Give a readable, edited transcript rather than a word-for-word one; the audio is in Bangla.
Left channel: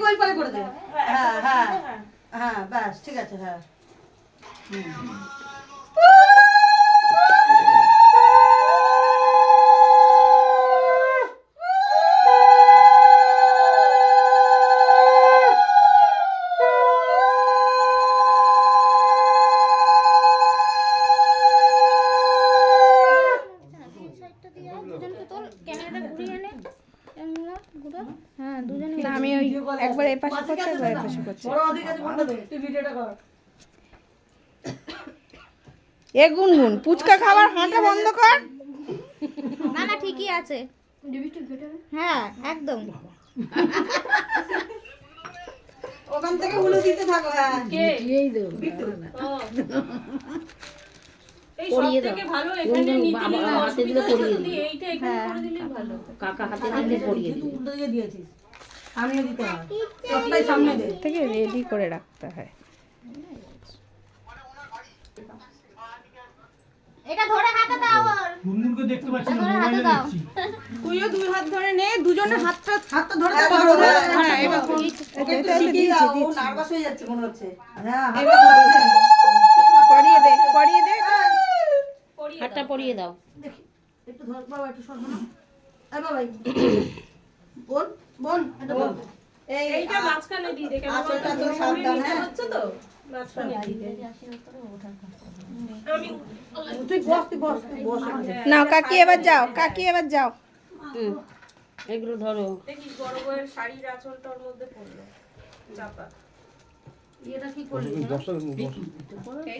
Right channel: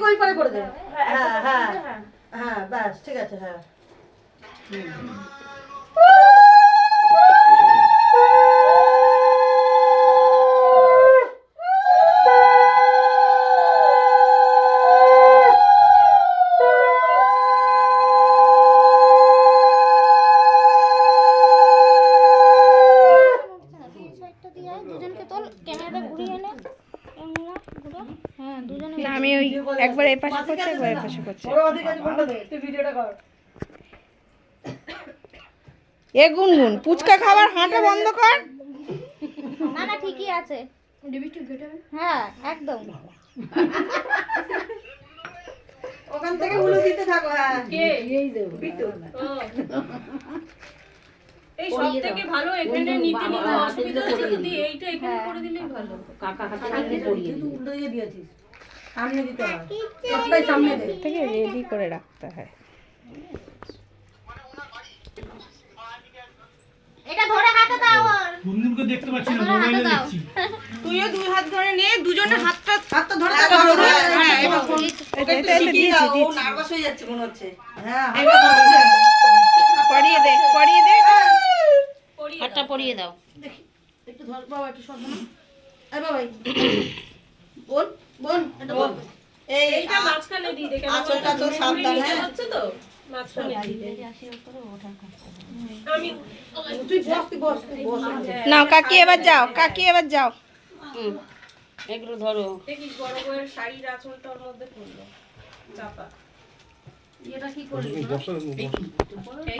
ঠিক ওই পারে করে দে। হ্যাঁ হ্যাঁ হ্যাঁ ব্যাস ঠিক আছে। হ্যাঁ আমি ওই একবার এই পাশে করছি একবার এই পাশে করছি। এ গুনগুন পুচকা খাবার হাঁটা বন্ধ কর। না না ঠিকই আছে। হ্যাঁ একদম। ওখান থেকে উলু দিতে থাকো। হ্যাঁ এই বিট্টু এই সবথেকে ভালো এখানে নিতে নিতে অসুবিধা হচ্ছে যদি এইটা এখানে করে দিলেই ভালো। কাকা হাতে নিতে পড়িয়ে দিই। উল্টো দিকে দিয়েছিস, সামনে দিতে হয়, সবটাই সামনে দে। থেকে রেডি করে রাখতে হয়। এটা ধরে হাতে দাও ওর। গুনগুনকে দেখতে পাচ্ছি না, মোবাইলে দেখছি। তুইও দুই হাত ধরে নে, দুজনে হাতটা হাতটা ধরে ধরো। হ্যাঁ এবার এটা দিয়েছি ও নার্ভাস হয়ে যাচ্ছে মনে হচ্ছে। হ্যাঁ পরিয়ে দে পরিয়ে দে। হাতটা পরিয়ে দাও। একটু ধর বাবা, একটু সর না। এই বাবা বোন বোন এটা বোন। এইটা মাঝখানে দিয়ে দেখে আঁচলটা তো সাবধান। হ্যাঁ হচ্ছে তো মাঝখানে দিয়ে আমি তুই বস তুই বস তুই বস। নাও কাকি এবার যাও, কাকি এবার যাও। এগুলো ধরো। দেখিস বড় বউয়ের শাড়ির আঁচলটা ওর মধ্যে পড়লো চাপা। এটা কি করলি?